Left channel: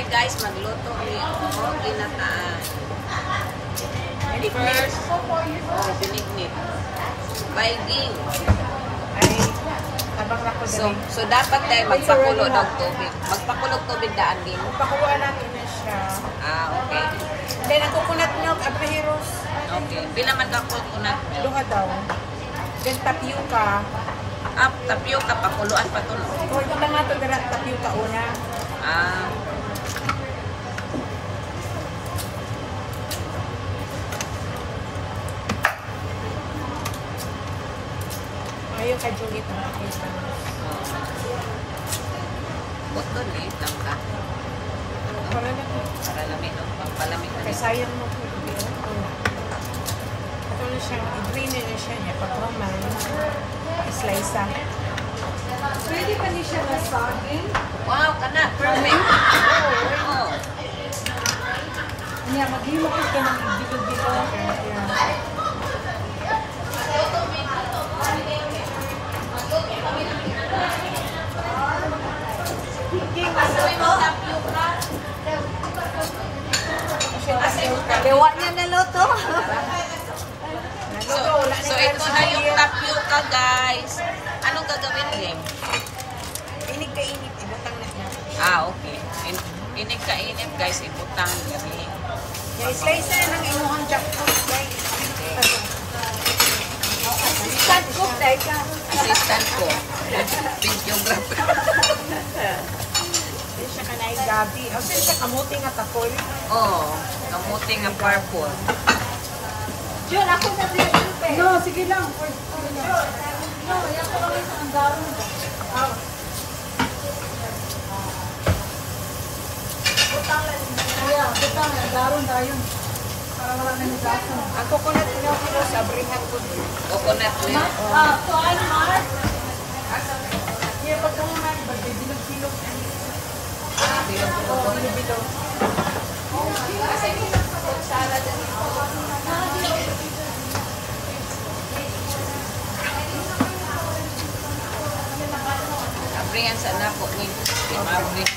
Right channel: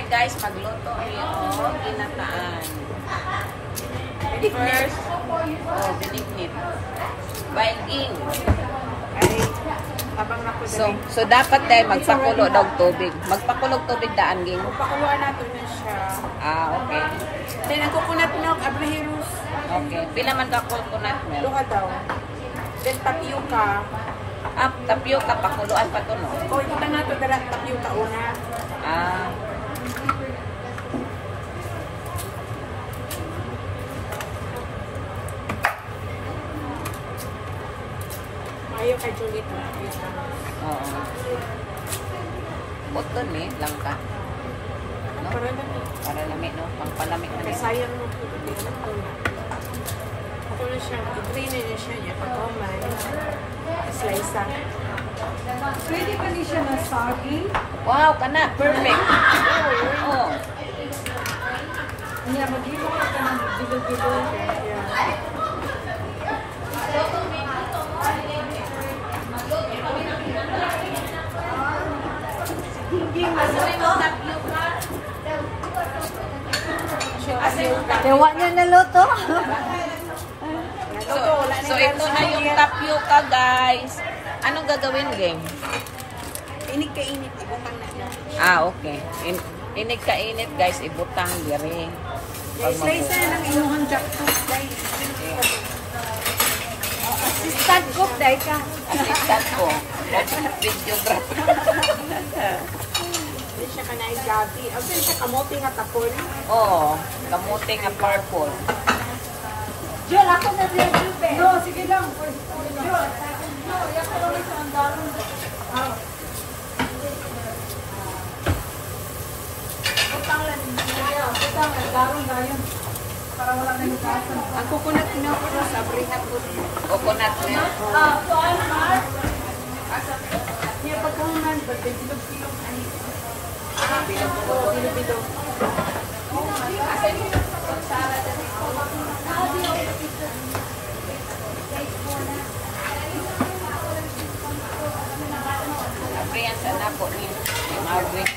Tonight guys, magluto yung ginataan. First, binignit. Bailin. Ay, tabang na ko dali. So dapat dahil magpakulo ng tubig. Magpakulo ng tubig daan ging. Pakuha natin na siya. Okay. Then, ang coconut milk, abriheros. Okay. Di naman ka coconut milk. Doon ka daw. Then, tapioca. Tapioca, pakuluan pa to, no? O, ito lang nga ito, dala tapioca una. Ayaw ka Juliet na tapioca. Oo. Button eh, lang ka. Para lang. Para lamig, no? Pampalamig na. Kaya sayang mo po. Ako na siya, i-drain na siya niya. Patomay. Slice ah. Pwede pa niya siya masaging. Wow, kana. Perfect. Oo. Kanya, maghimo ko ka ng bilo-bilo. Yeah. Gawa niya na luto. So ito na yung tapioca, guys. Anong gagawin, game? Inig ka init, ibutang na niya. Okay. Inig ka init, guys. Ibutang diri. Slice na ng imuhang jackfruit, guys. Assistant cook, dahil ka. Assistant ko. Videographer. Hindi siya ka naigabi. O, siya kamote nga tapol. Oo. Kamuti nga purple. Diyon, ako na rin. No, sige lang. No, yan ko lang sa andaron. Putang na, daron na yun. Para maraming nagasan. Ang coconut milk ko sa bring ng food. Coconut milk. So, ano, Mar? Kaya pagkuhunan, bilog-bilog. Bilog-bilog. Bilog-bilog. Abri yan sa napo ni Marvin.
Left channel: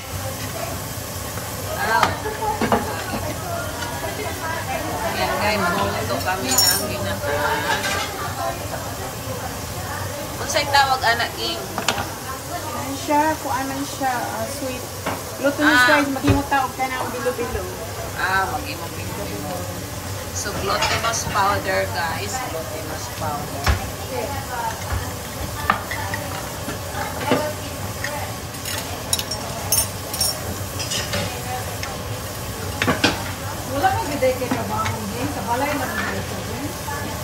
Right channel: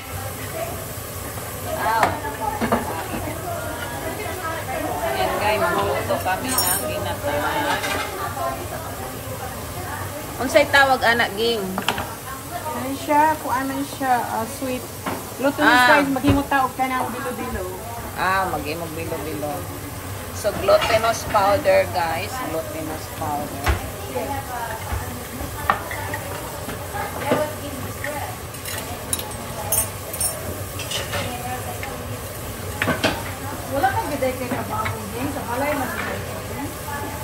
Ayan guys, magluto kami ng ginataan. Unsay tawag anak ging? Ano siya, kung anong siya, sweet. Luto niya siya, maghimot tao ka na bilo-bilo. Mag-bilo-bilo. So, glutinous powder, guys. Glutinous powder. Wala kang biday kay kabamong din. Sa balay na biday ka din.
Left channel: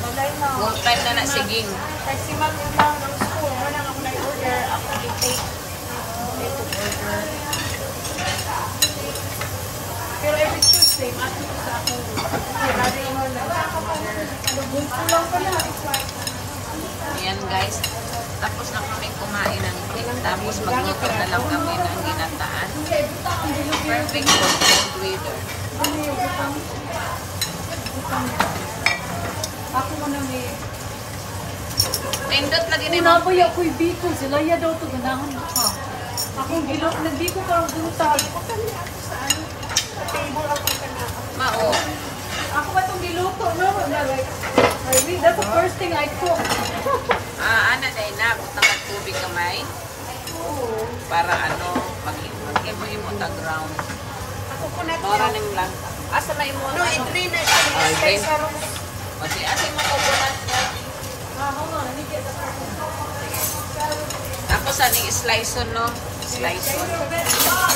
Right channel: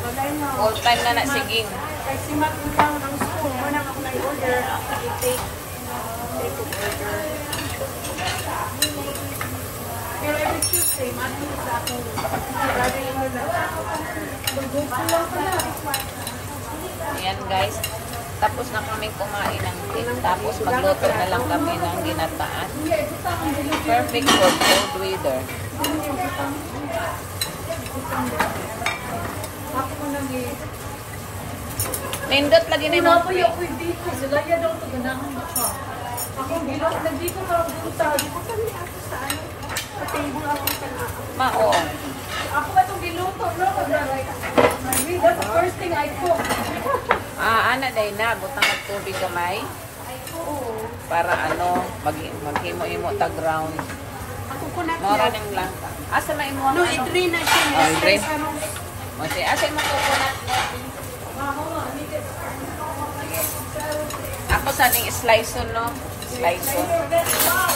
Wala na. Full time na sige. Kasi si Mac yung tao ng school, muna ako na-order, ako i-take. Ito order. Pero every Tuesday, Mac yung sa ako. Grabe yung lang sa order. Good ko lang ko na. Ayan, guys. Tapos na kami kumain ng cake. Tapos magluto na lang kami ng ginataan. Perfect for cold weather. Ako mo na may... Nindot lagi din. Tinaboy ako'y biko. Sila ya daw ito ganahan na ka. Akong bilog. Nagdi ko parang bunta. Ako kami ako sa ano. Sa table ako ka na. Mao. Ako ba itong biluto, no? I mean, that's the first thing I cook. Ana day na. Butang at tubig kamay. Oo. Para mag-imo-imo tagrang. Ako ko na Mora ng lang. Asa may mo No, i-drain na siya. Slice ano. Kasi asa mo coconut. Hold on, let me get the part. Ako sa ning slice no. Slice.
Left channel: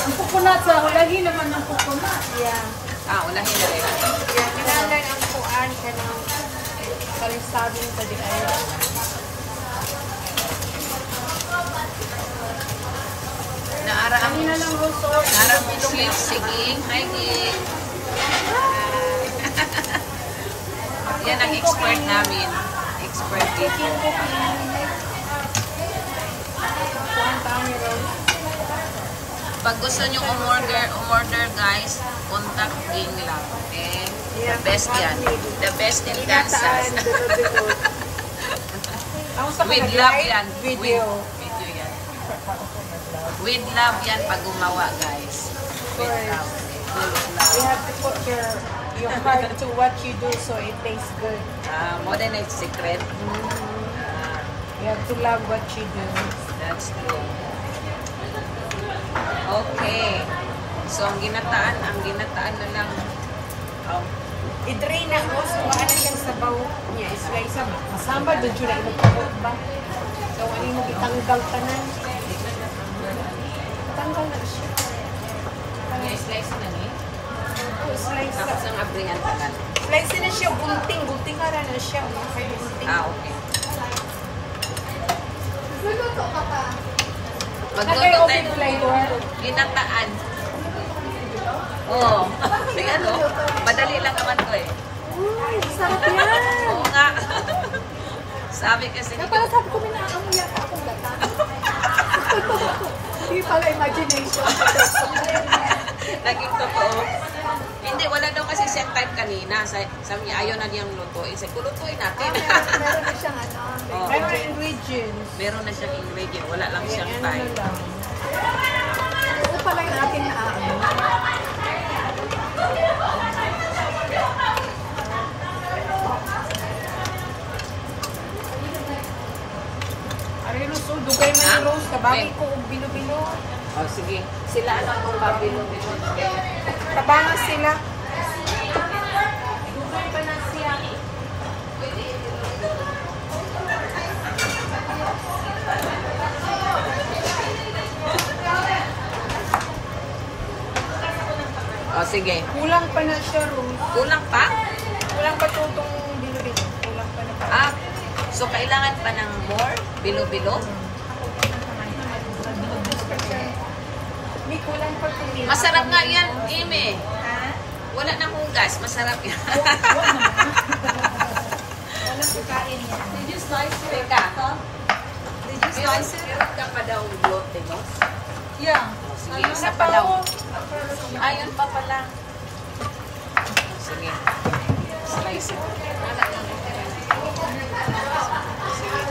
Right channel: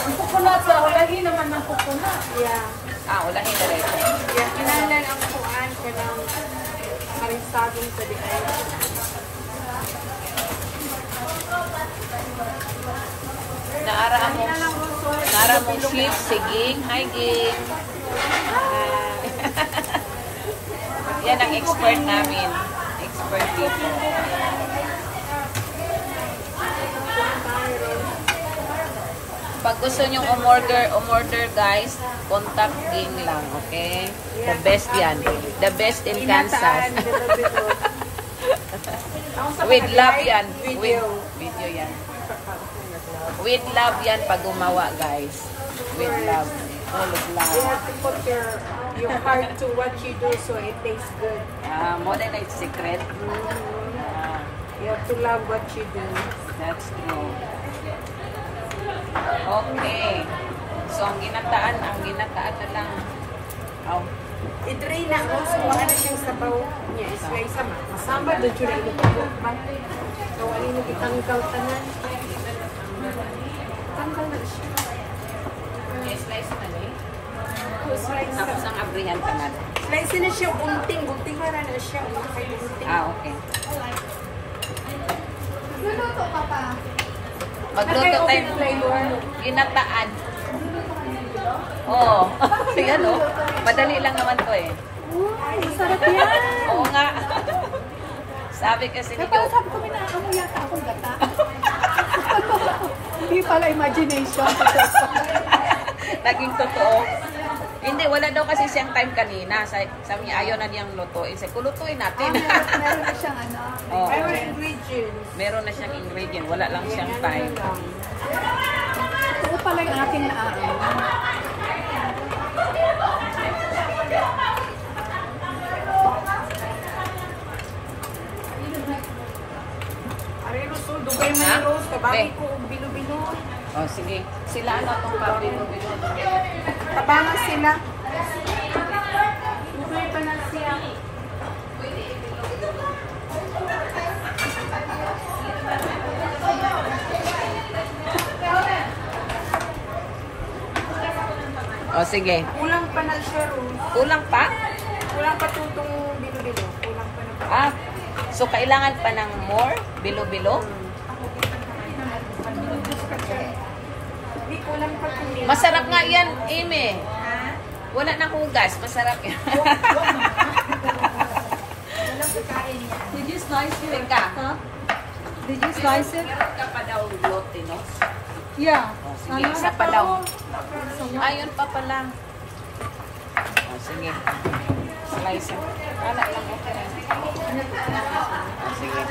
Ang coconut, wala lagi naman ng coconut. Yeah. Ulahin na rin. Yeah. Kinandan ang kuan ka ng karisabing sa di ay. Naara mo sweet siging. Hi, Ging. Yan ang expert namin. Expert dito. Pag gusto nyo umorder guys, contact Ging lang, okay? The best yan. The best in Kansas. With love yan. Video. Video yan. With love yan pag gumawa, guys. course. Full of love. You have to put your heart to what you do so it tastes good. More than a secret. You have to love what you do. That's true. Okay. So, ang ginataan na lang. I-drain na mo, so ano yung sabaw niya, slice mo. Masamba, doon yun na imukabot ba? So, ano yung itanggal tanan? Tanggal na siya. Slice na ni. Oh, slice na. Tapos ang abrihan pa na. Slice na siya, gunting ka na siya. Okay. Okay. Luluto ka pa. Okay, open flavor. Ginataan. Oo. Ano? Madali lang naman to eh. Uy, sarap yan. Oo nga. Sabi kasi, Kaya pala sabi ko, minakamu yata akong gata. Hindi pala imagination. naging totoo. Hindi, wala daw kasi siyang time kanina. Sabi niya, ayaw na niyang lutuin. Sabi ko, lutuin natin. Meron na siyang ano. Oo. Pero ingredients. Meron na siyang ingredient. Wala lang siyang Ano time. na lang. Ito pala yung aking naaano. Arino, so, dugay man yung rose. Kabaki ko, bilo-bilo. Oh, sige. Sila ano po ba? Kabangas sila. Dugay pa na siya. Oh, sige. Kulang pa na siya, Rose. Kulang pa? Kulang pa itong bilo-bilo. Kulang pa na pa. So kailangan pa ng more? Bilo-bilo? May kulang pa kami. Masarap nga yan, Ime. Wala na akong gas. Masarap yan. Walang pagkain niya. Did you slice it? Teka. Huh? Did you slice it? Meron ka pa daw lote, no? Yeah. Sige, Ano? isa pa daw. Ayun pa pala. Sige. Slice it. Sige.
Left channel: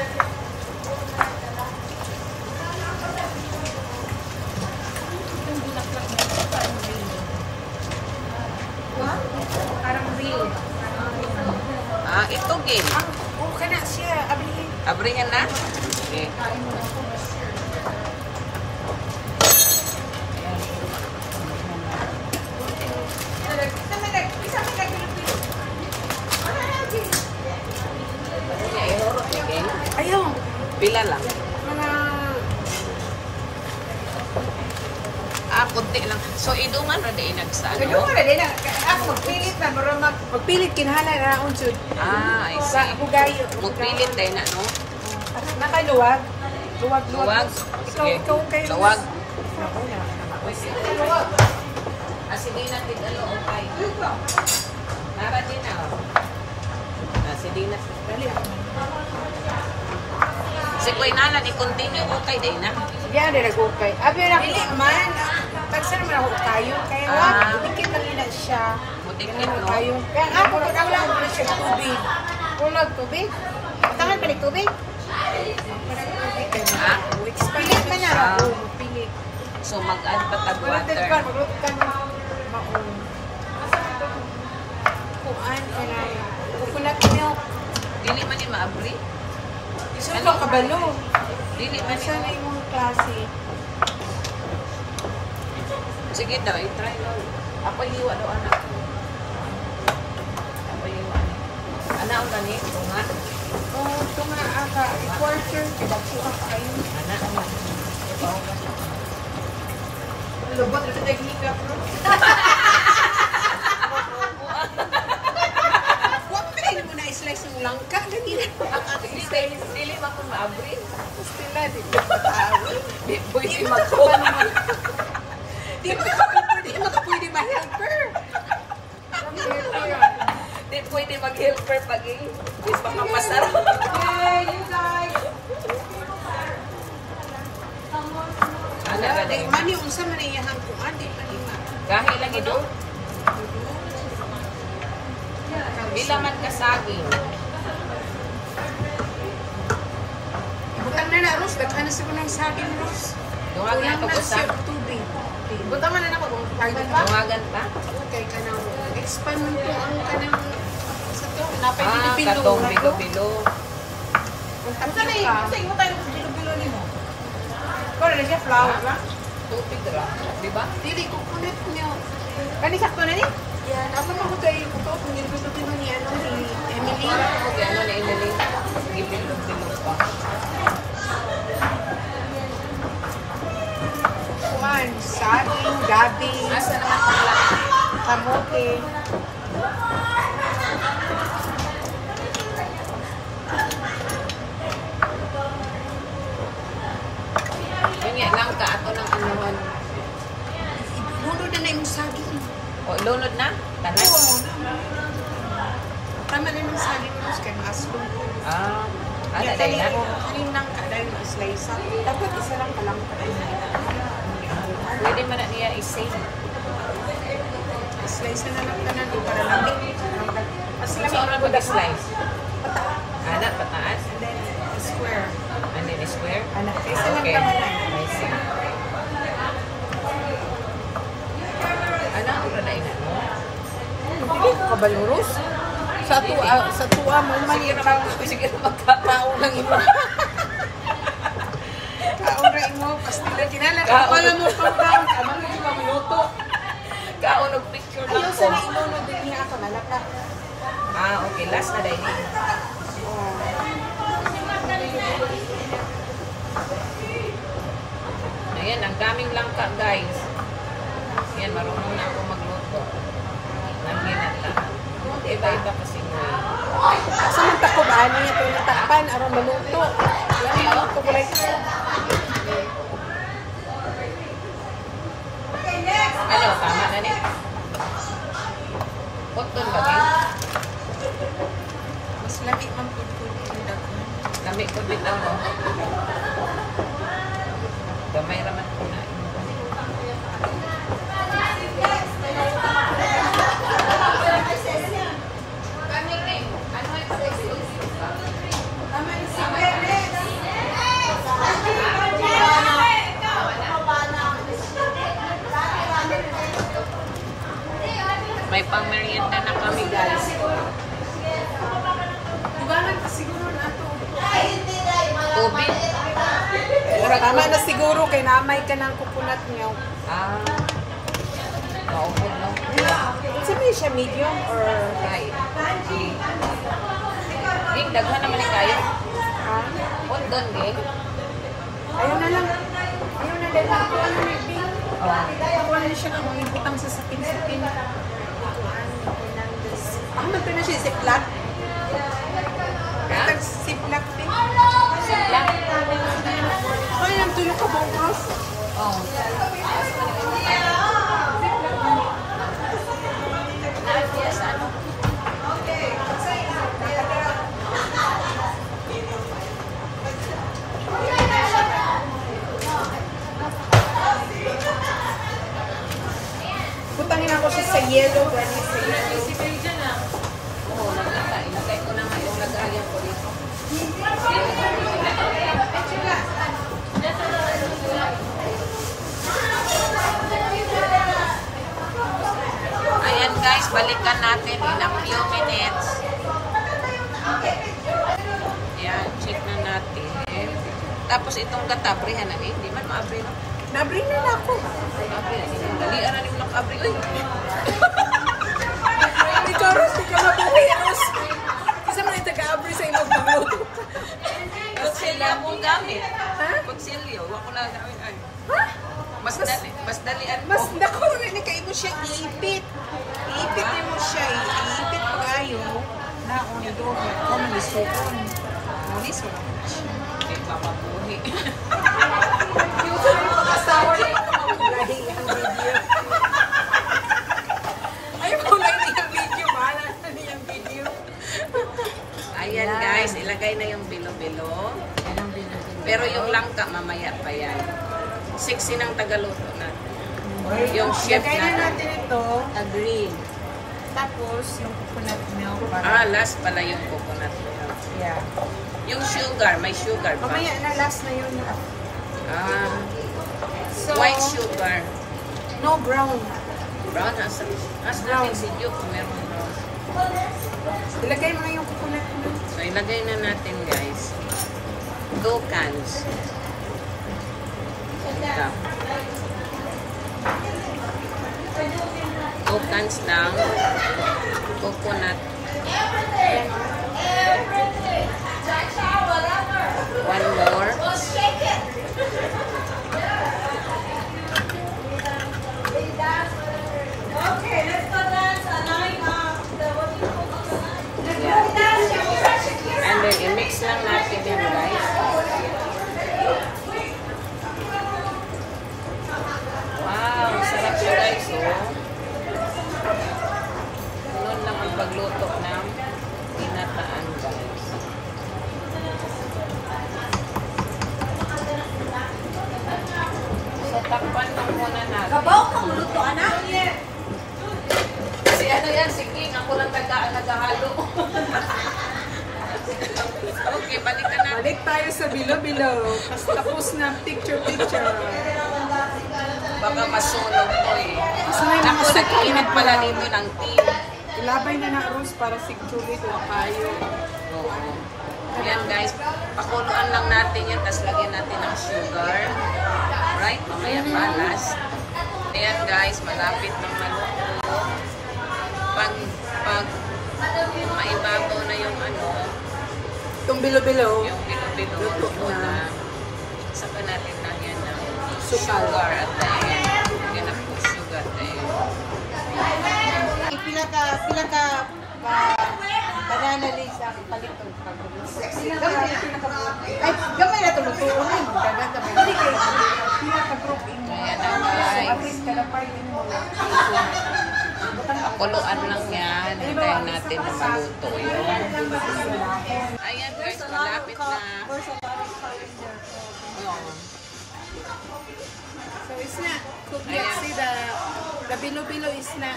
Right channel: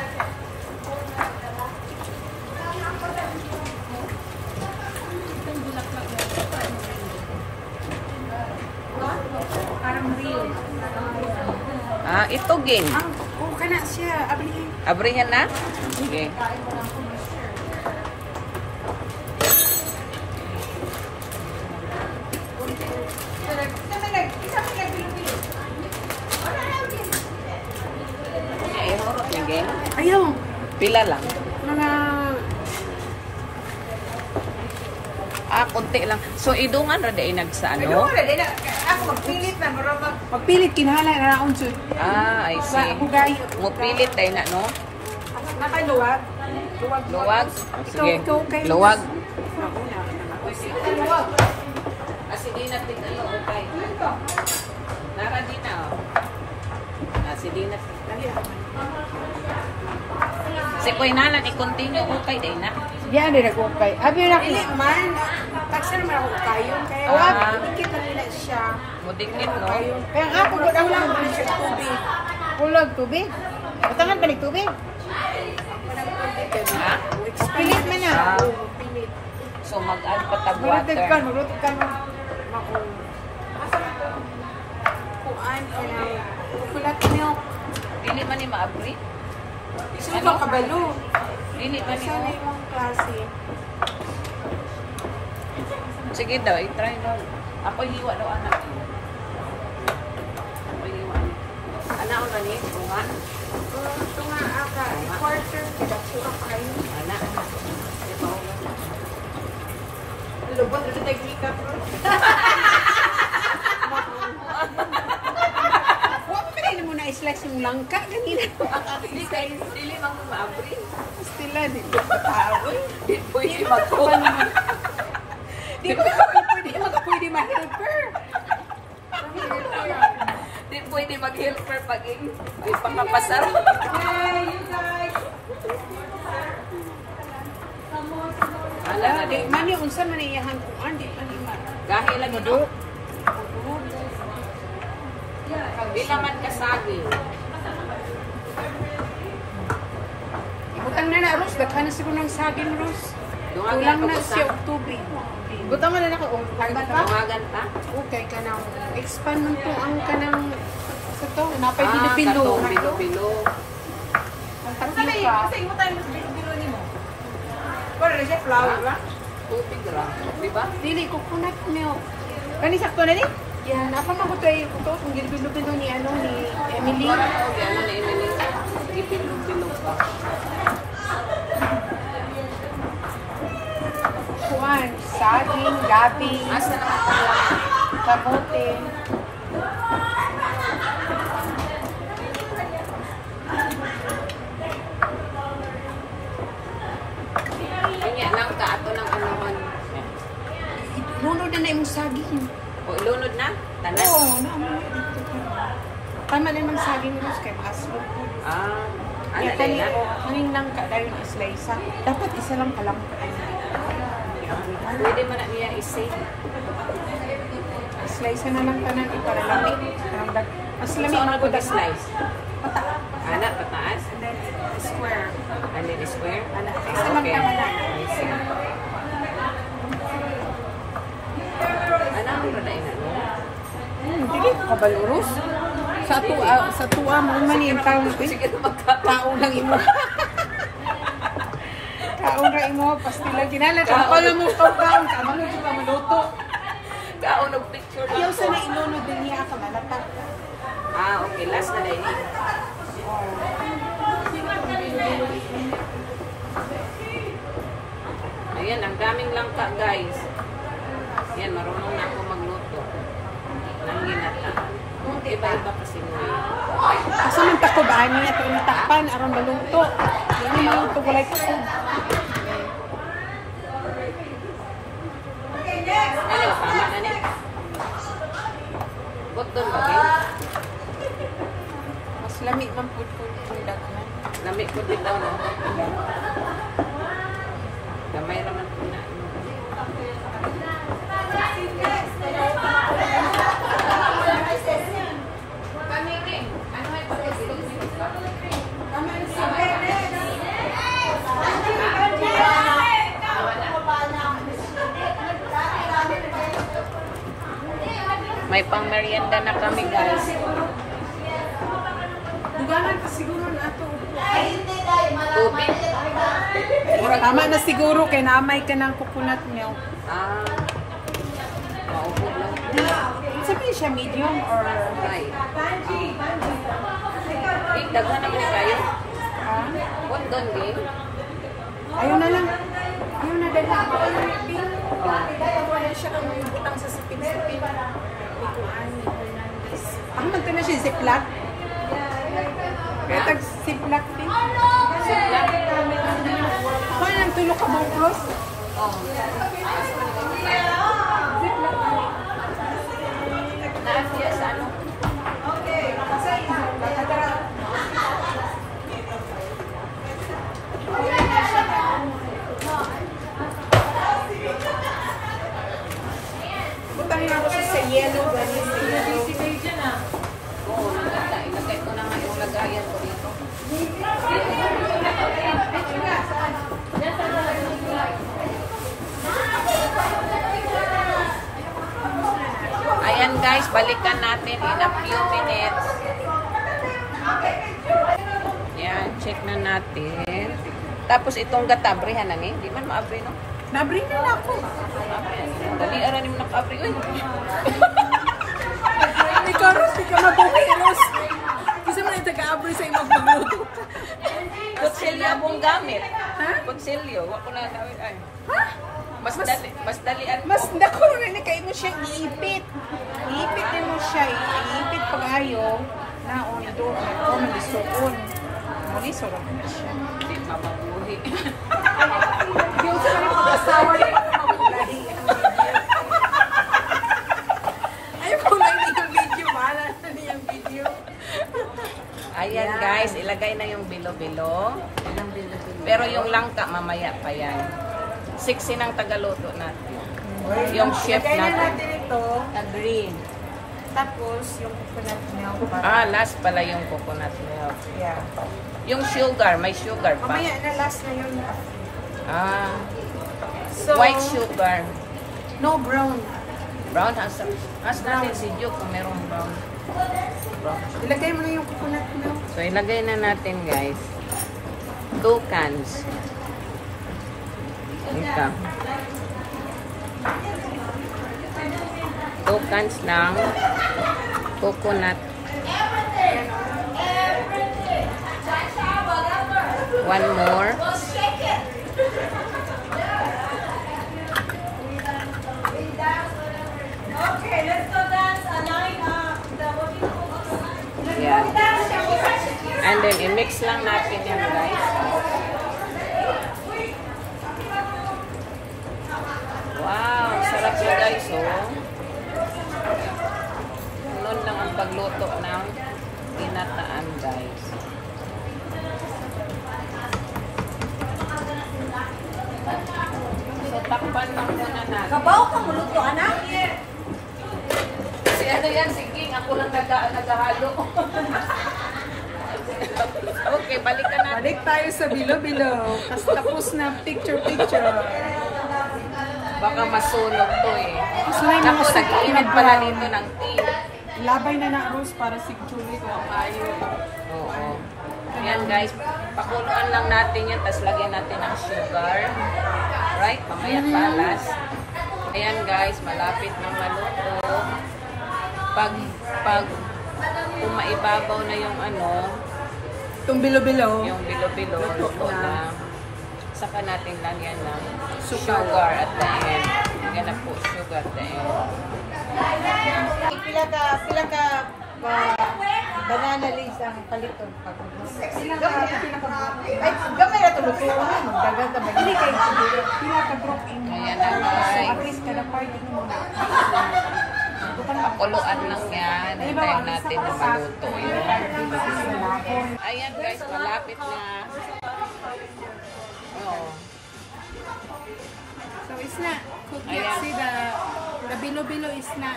Parang real. Ito game. Okay na siya. Ablihin. Abrihan na? Sige. Ihorok yung game. Ayaw. Pila lang. Mga... Konti lang. So, idong ano na inagsa, Ano no? na din. Magpilit na. Magpilit kinhalay na akong sud. I see. Ako gayo. Magpilit tayo na, no? Nakaluwag. Luwag. Luwag. Sige. Ikaw kayo. Luwag. Ako na. Sige na, tigalo. Okay. Nara din na, oh. Sige na. Dali ako man. Si Kuy Nana, i-continue ko tayo din na. Yan din nag-ukay. Abi na pili man. Tagsir man ako kayo. Kaya wag. Dikit lang nila siya. Mudikit, no? Kayo. Kaya nga ako kulang na siya tubig. Kulang tubig? Patangan ba ni tubig? Ha? Pilit man na. Oo, pilit. So, mag-add pa tag Malapit ka, water. nulot ka maong. Kuan ka na. Coconut milk. Dili man ni maabri. Isun ka kabalo. Dili man Siya na yung klase. Sige daw, i-try daw. Ako hiwa daw anak. Ako hiwa ni. Anak ang gani, tungan. Ito nga aka. I-quarter. Bakura pa kayo. Anak. Lubot ito nag-hiccup. Huwag pa rin mo na i-slice yung langka. Dili man ko maabri. Stila, di Di pwede magko. Di pwede ma-helper. Di pwede mag-helper pag di pa mapasarap. Hey, you guys! Ala gani. Mami, unsa man na iyahan ko? Andi, andi ma. Gahi lagi no. Bila man kasagi. Ang na na, Ros. Ba't ano sa kunong saging, Ros? Duhang Walang lang na ko siya sa. tubig. Buta man na ako kung tagan ba? Tumagan pa? Kay ka na expand man po ang kanang sa to. Napay Ah, Pilipino. katong bilo-bilo. Kung tatlo ka. Kasi imo tayo sa bilo-bilo nimo. Para na siya flower ba? Tubig lang. Di ba? Dili ko kunat niyo. Kani sakto na ni? Yan, ako pa ko kay to kung bilo-bilo ni ano ni Emily. Wala ko, ano na iniling. Gibilog-bilog pa. Juan, saging, gabi, Asa naman pala? kamote. Kanya lang ka ato ng anuhan. Lunod na imong saging. O, ilunod na? Tanan? Oo, tama na imong saging mo kay maso. Ah, ano dahil na? Kanin lang ka dahil isa. Dapat isa lang pala ka. Pwede man na niya i-save. Slice na lang ka na para lamig. Mas So, lamig ano pag-slice? Anak, pataas? square. And then square? Anak, isa lang Okay. ka na. I see. Ano ang ranain na? Dili ko kabalurus. Sa tuwa mo Sige man na sige na magkakao. kaon lang imo. Kaon ra imo pastila kinala ko Kaon. pala mo program ka mo ka minuto. Kaon og picture Ayaw lang sa ko. na imo no din niya ako nalata. Ah, okay. Last na dahil. Ayan, ang daming langka, guys. Yan, marunong na ako magluto. Nanginat na. Iba-iba kasi mo eh. Asa man takod ani ato ni takpan aron maluto. Yan maluto ko like Ano, tama na niya? Put doon ba, Bing? mas lamig man pud. Lamig ko bitaw mo. Gamay raman ko na. May pang-merienda na kami, guys. Duganan pa siguro na ato. Tubig. Tama na siguro kay naamay ka ng coconut milk. Ah. Maupod, no? Sabi siya medium or Ay. Eh, daghan naman ni kayo. Put doon, Gay. ayaw na lang. Ayaw na lang. Oh. Ako na siya ang ibutang sa sapin-sapin. Ang nagta na siya ziplock. Ha? Ziplock thing. Ziplock? Kung yung tulog ka bang cross? Oh. Butangin ako sa yellow gani sa yellow. Oo, ilagay ko na nga yung lagayan ko dito. Ayan guys, balikan natin in a few minutes. Ayan, check na natin. Tapos itong gatabrihan na di man maabri no? Nabring na ako. Dali, aran yung nakabri. Uy, Ikaw rin, di ka mabuhiros. Isa man ito ka-abri sa ilang pagluto. kutsilyo akong gamit. Ha? Kutsilyo, ako na gawin. Ay, Ha? mas dali, mas dalian ko. Mas dako rin kay mo siya iipit. Iipit na mo siya, iipit pag-ayo. Naon na doon. O, malisukon. Malisukon na siya. Hindi papabuhi. Yung sa mga pag-asawa niya, lahi ang video. Ayaw ko lang yung video, mahala na niyang video. Ayan guys, ilagay na yung bilo-bilo. Pero yung langka, mamaya pa yan. 60 ng tagaluto natin. Yung chef Lagay na natin. natin ito, green. Tapos, yung coconut milk para... Ah, last pala yung coconut milk. Yeah. Yung sugar, may sugar pa. Mamaya na last na yun. Ah, So, white sugar. No, brown. Brown, asa natin si Duke kung meron brown. Ilagay mo na yung coconut mo. So, ilagay na natin, guys. 2 cans. Ito. 2 cans ng coconut. 1 more. Yan. And then, i-mix lang natin yan, guys. Wow, sarap siya, guys, oh. Noon lang ang pagluto ng ginataan, guys. So, takpan lang muna natin. Kabaw kang luto, anak. Si ano yan, si King, ako lang nagahalo. Okay, balikan natin. Balik tayo sa bilo-bilo. Tapos na picture-picture. Baka masunog to eh. Mas may mga Naku, nag-init pala dito ng tea. Ilabay na na Rose para siguro ko tayo. Oo. Ayan guys, pakuluan lang natin yan, tapos lagyan natin ng sugar. Right? Mamaya palas. Ayan guys, malapit ng maluto. Pag umaibabaw na yung ano, Itong bilo-bilo. yung bilo-bilo, Luto luto na. na. Saka natin lagyan ng sugar at the end. Yan na po, sugar at the end. Banana leaves ang palito. Ay, gamay na tulutunan. Hindi kayo. Pinaka-dropping. Ayan na guys. Pakuluan lang yan. Hintayin natin na maluto yung bilo-bilo. Ayan guys, malapit na. Oo. So it's not cooked yet. Ayan. See the bilo-bilo is not.